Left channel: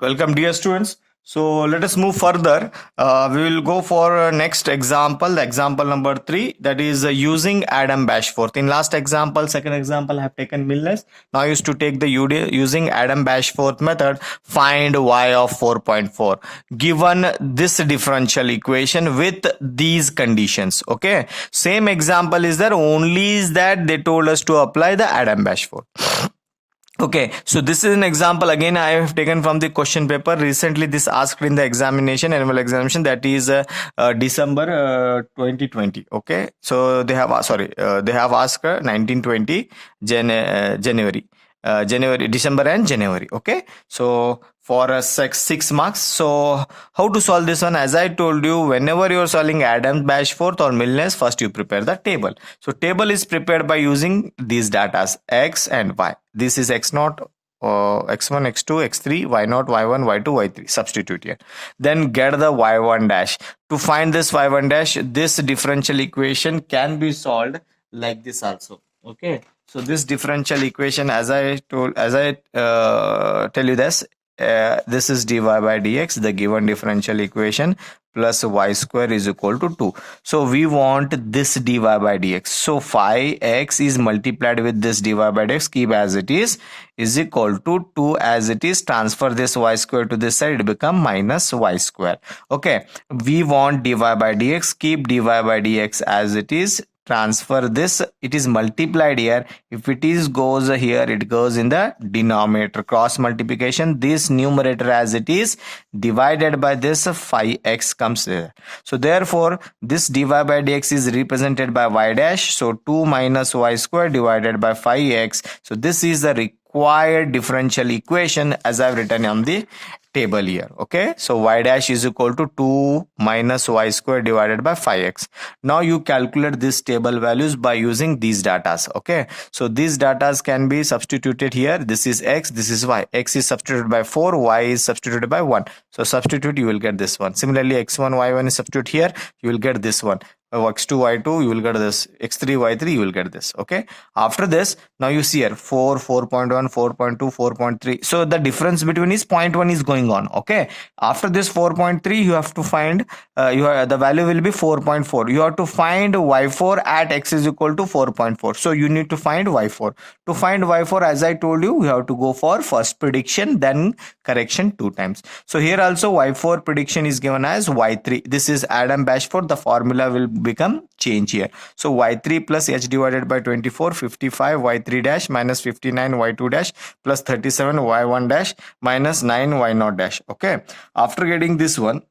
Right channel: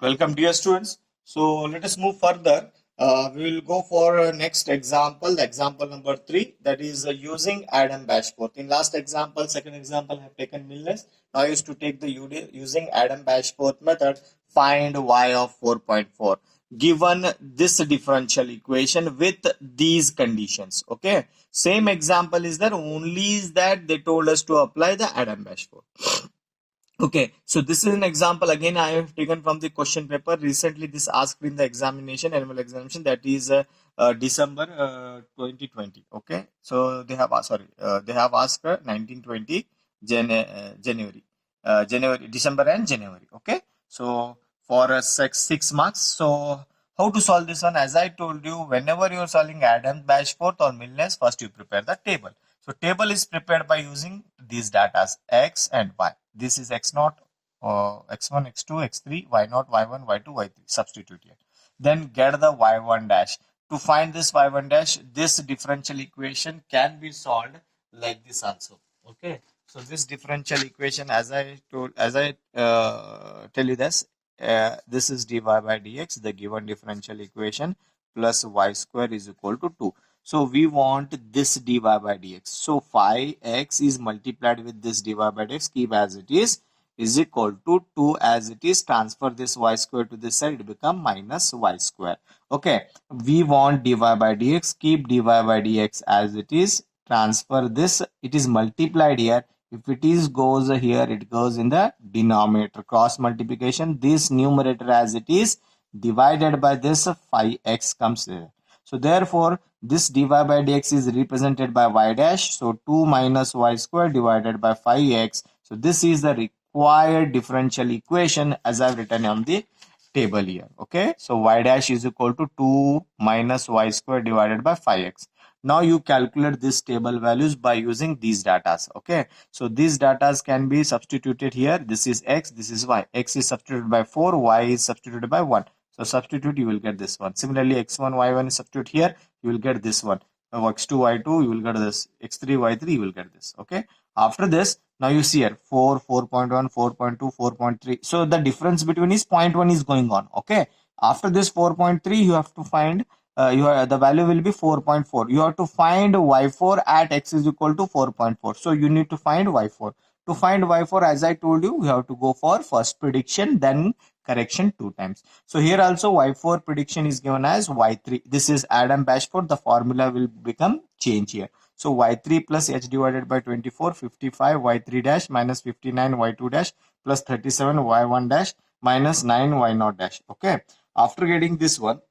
Welcome, dear students. So let us move further. We will go for next example, the example number 3, that is using Adam Bashforth. In last example, second example, I have taken Milnes. Now used to take the using Adam Bashforth method, find y of 4.4. Given this differential equation with these conditions. Okay. Same example is there, only is that they told us to apply the Adam Bashforth. Okay, so this is an example again I have taken from the question paper. Recently this asked in the examination, annual examination, that is December 2020. Okay, so they have they have asked 1920 January, December and January. Okay, so for 6 marks. So how to solve this one? As I told you, whenever you are solving Adams, Bashforth or Milnes, first you prepare the table. So table is prepared by using these datas x and y. This is x0, x1, x2, x3, y0, y1, y2, y3. Substitute here. Then get the y1 dash. To find this y1 dash, this differential equation can be solved like this also. Okay. So this differential equation, as I tell you this is dy by dx, the given differential equation, plus y square is equal to 2. So we want this dy by dx. So 5x is multiplied with this dy by dx, keep as it is equal to 2 as it is. Transfer this y square to this side, it become minus y square. Okay, we want dy by dx, keep dy by dx as it is. Transfer this, it is multiplied here. If it is goes here, it goes in the denominator. Cross multiplication, this numerator as it is divided by this 5x comes there. So therefore this dy by dx is represented by y dash. So 2 minus y square divided by 5x. So this is the required differential equation as I've written on the table here. Okay, so y dash is equal to 2 minus y square divided by 5x. Now you calculate this table values by using these datas. Okay, so these datas can be substituted here. This is x, this is y. X is substituted by 4, y is substituted by 1. So substitute, you will get this one. Similarly, x1, y1 is substitute here, you will get this one. X2, y2, you will get this. X3, y3, you will get this. Okay, after this, now you see here 4, 4.1, 4.2, 4.3. So the difference between is 0.1 is going on. Okay, after this 4.3, you have to find the value will be 4.4. You have to find y4 at x is equal to 4.4. So you need to find y4. To find y4, as I told you, you have to go for first prediction, then correction 2 times. So here also y4 prediction is given as y3. This is Adam Bashforth. The formula will become change here. So y3 plus h divided by 24, 55 y3 dash minus 59 y2 dash plus 37 y1 dash minus 9 y0 dash. Okay, after getting this one,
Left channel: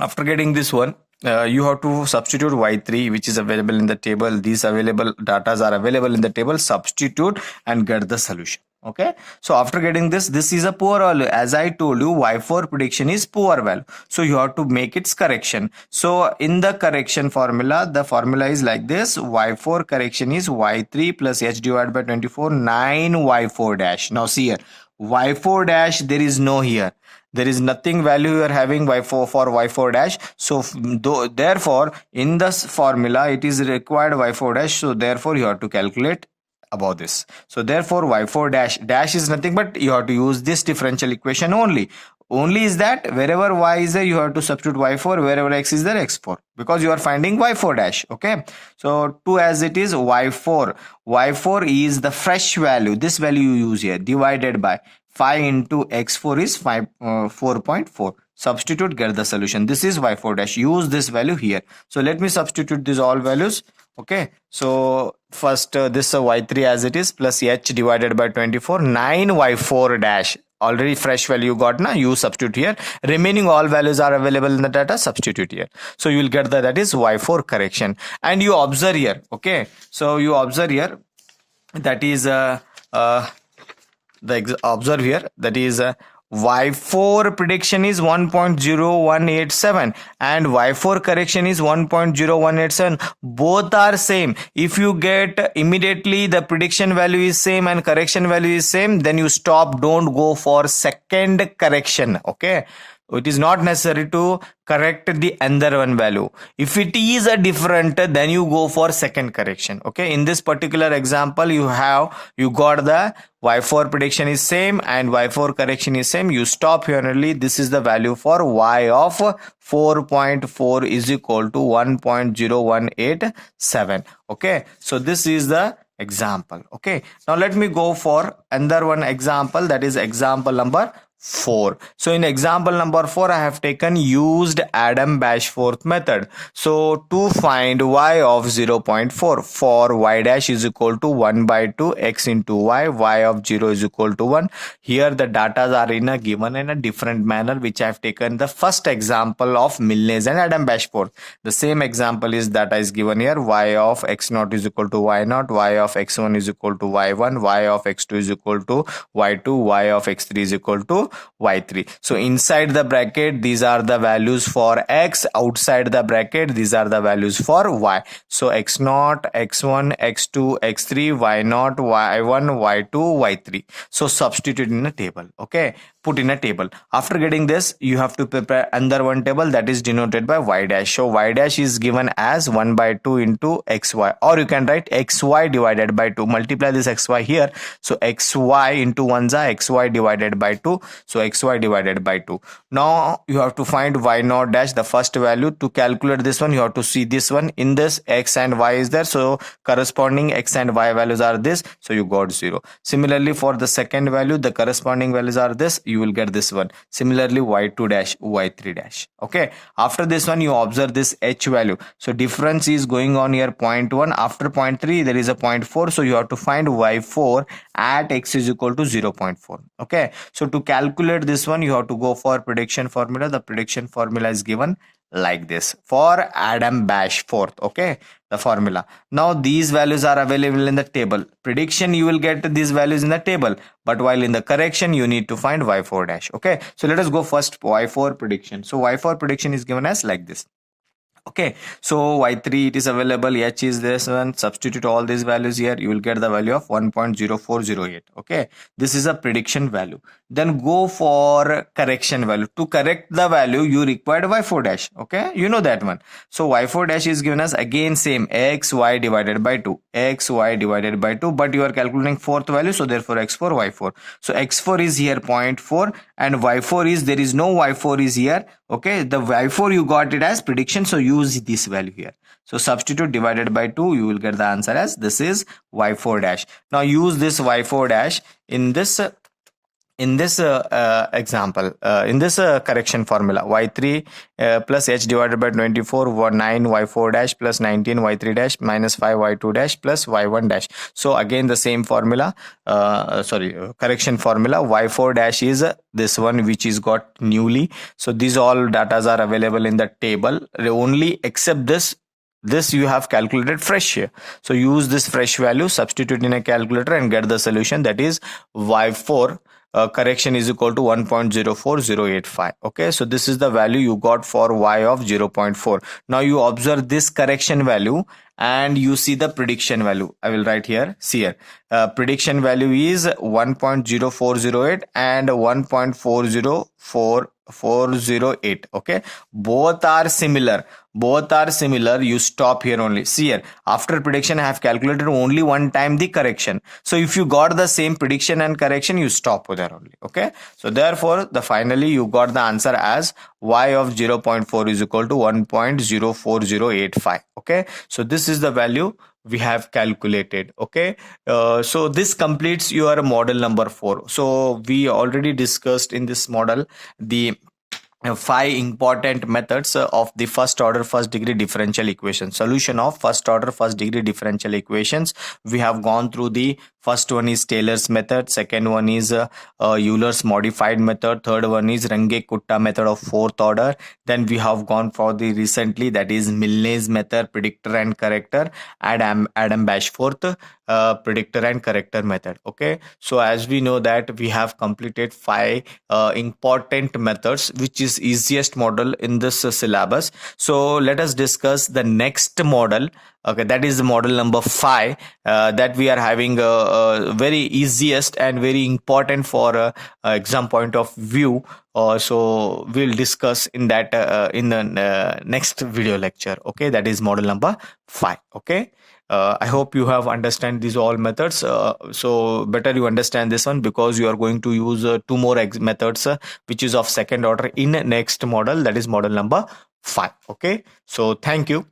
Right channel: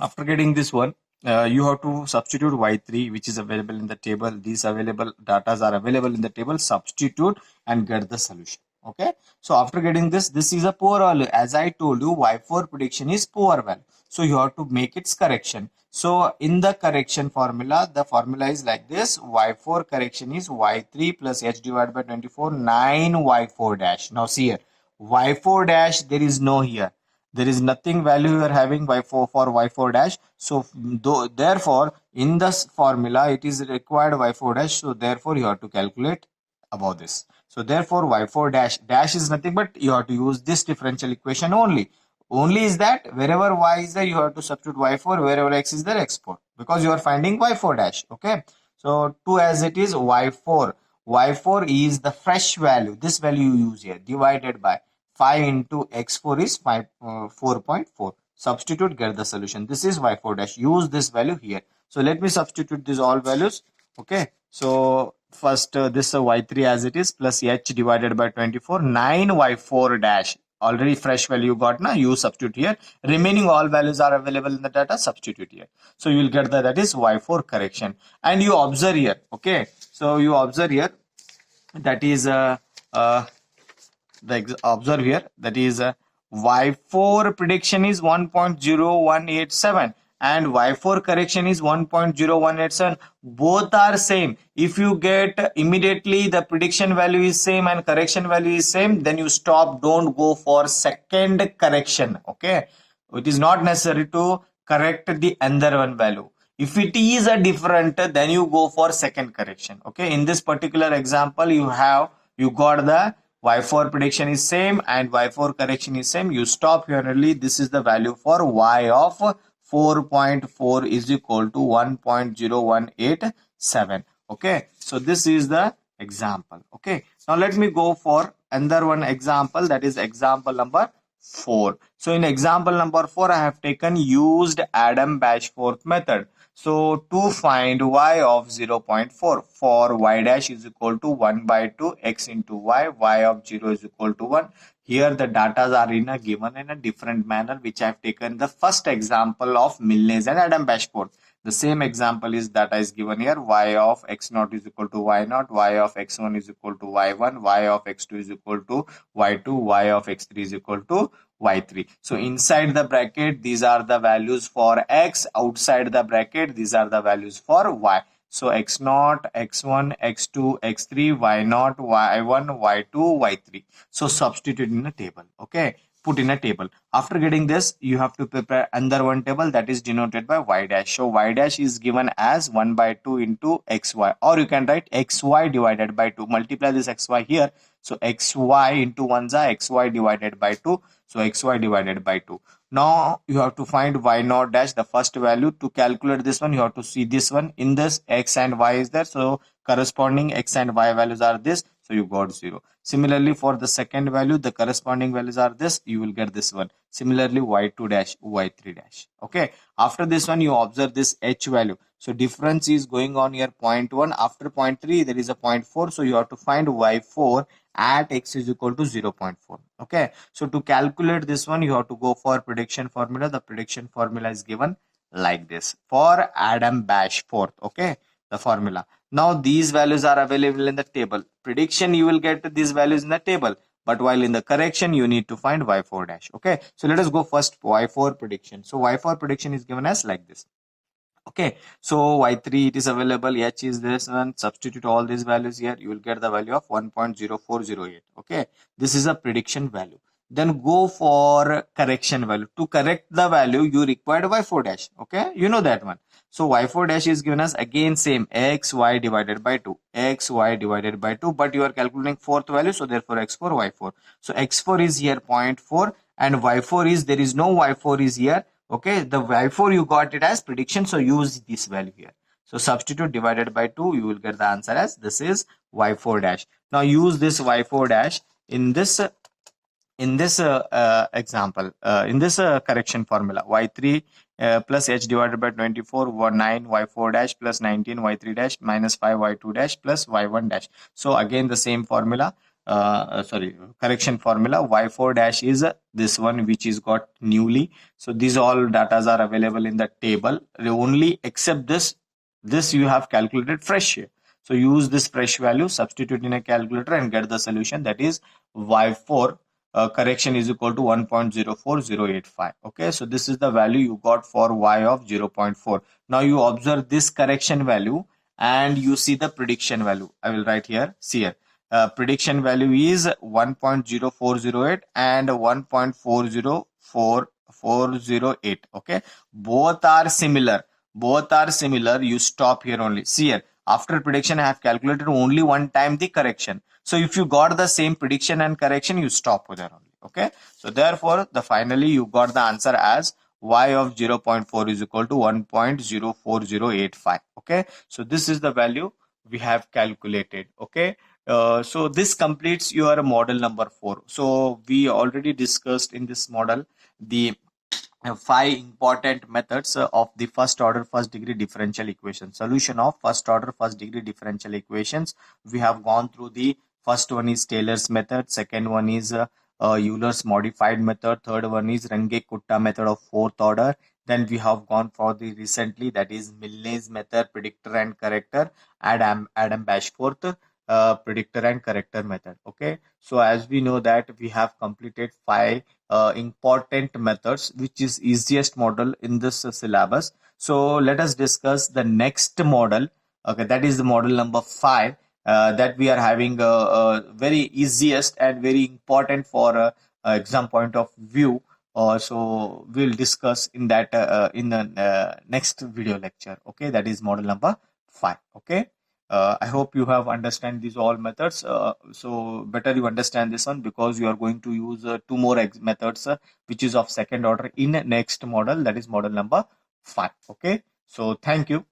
you have to substitute y3, which is available in the table. These available datas are available in the table. Substitute and get the solution. Okay, so after getting this is a poor value. As I told you, y4 prediction is poor value, so you have to make its correction. So in the correction formula, the formula is like this: y4 correction is y3 plus h divided by 24, 9 y4 dash. Now see here, y4 dash, there is no here, there is nothing value you are having y4 for y4 dash. So therefore in this formula it is required y4 dash, so therefore you have to calculate about this. So therefore y4 dash is nothing but you have to use this differential equation only is that wherever y is there, you have to substitute y4, wherever x is there, x4, because you are finding y4 dash. Okay, so 2 as it is, y4 is the fresh value, this value you use here, divided by 5 into x4 is 4.4. Substitute, get the solution. This is y4 dash, use this value here. So let me substitute these all values. Okay, so first this y3 as it is plus h divided by 24, 9 y4 dash, already fresh value got now, you substitute here. Remaining all values are available in the data, substitute here. So you will get that is y4 correction. And you observe here. Okay, so you observe here, that is observe here, that is y4 prediction is 1.0187 and y4 correction is 1.0187. both are same. If you get immediately the prediction value is same and correction value is same, then you stop, don't go for second correction. Okay, It is not necessary to correct the another one value. If it is a different, then you go for second correction. Okay, in this particular example, you got the y4 prediction is same and y4 correction is same. You stop here only. This is the value for y of 4.4 is equal to 1.0187. Okay, so this is the example. Okay, now let me go for another one example, that is example number 4. So in example number 4, I have taken used Adam-Bashforth method. So to find y of 0.4 for y dash is equal to 1 by 2 x into y of 0 is equal to 1. Here the data are given in a different manner, which I have taken the first example of Milnes and Adam-Bashforth. The same example is data is given here. Y of x0 is equal to y0, y of x1 is equal to y1, y of x2 is equal to y2, y of x3 is equal to y3. So inside the bracket, these are the values for x. Outside the bracket, these are the values for y. So x0, x1, x2, x3, y0, y1, y2, y3. So substitute in a table. Okay, put in a table. After getting this, you have to prepare another one table that is denoted by y dash. So y dash is given as 1 by 2 into xy, or you can write xy divided by 2. Multiply this xy here. So xy into 1 is xy divided by 2. So xy divided by 2. Now you have to find y0 dash, the first value. To calculate this one, you have to see this one. In this, x and y is there. So corresponding x and y values are this. So you got 0. Similarly, for the second value, the corresponding values are this. You will get this one. Similarly, y2 dash, y3 dash. Okay. After this one, you observe this h value. So difference is going on here 0.1. After 0.3, there is a 0.4. So you have to find y4 at x is equal to 0.4. Okay. So to calculate this one, you have to go for prediction formula. The prediction formula is given like this for Adam-Bashforth. Okay, the formula. Now these values are available in the table. Prediction, you will get these values in the table, but while in the correction, you need to find y4 dash. Okay, so let us go first y4 prediction. So y4 prediction is given as like this. Okay, so y3 it is available, h is this one. Substitute all these values here, you will get the value of 1.0408. okay, this is a prediction value. Then go for correction value. To correct the value, you required y4 dash. Okay, you know that one. So y4 dash is given as again same x y divided by 2, x y divided by 2, but you are calculating fourth value, so therefore x4 y4. So x4 is here 0.4 and y4 is, there is no y4 is here. Okay, the y4 you got it as prediction, so use this value here. So substitute divided by 2, you will get the answer as this is y4 dash. Now use this y4 dash in this example, in this correction formula. Y3 plus h divided by 24, 9 y4 dash plus 19 y3 dash minus 5 y2 dash plus y1 dash. So again the same formula, correction formula. Y4 dash is this one which is got newly. So these all datas are available in the table only, except this you have calculated fresh here. So use this fresh value, substitute in a calculator and get the solution, that is y4 correction is equal to 1.04085. okay, so this is the value you got for y of 0.4. Now you observe this correction value and you see the prediction value. I will write here, see here, prediction value is 1.0408 and 1.408. okay, both are similar. You stop here only. See here, after prediction I have calculated only one time the correction. So if you got the same prediction and correction, you stop there only. Okay, so therefore finally you got the answer as y of 0.4 is equal to 1.04085. okay, so this is the value we have calculated. Okay, so this completes your model number 4. So we already discussed in this model the 5 important methods of the first order first degree differential equation, solution of first order first degree differential equations. We have gone through the first one is Taylor's method, second one is Euler's modified method, third one is Runge-Kutta method of fourth order. Then we have gone for the recently, that is Milnes method, predictor and corrector, Adam-Bashforth predictor and corrector method. Okay, so as we know that we have completed 5 important methods, which is easiest model in this syllabus. So let us discuss the next model Okay, that is the model number 5 that we are having very easiest and very important for exam point of view. So we'll discuss in that in the next video lecture. Okay, that is model number 5. Okay. I hope you have understand these all methods. So better you understand this one, because you are going to use two more methods which is of second order in next model, that is model number 5. Okay, so thank you.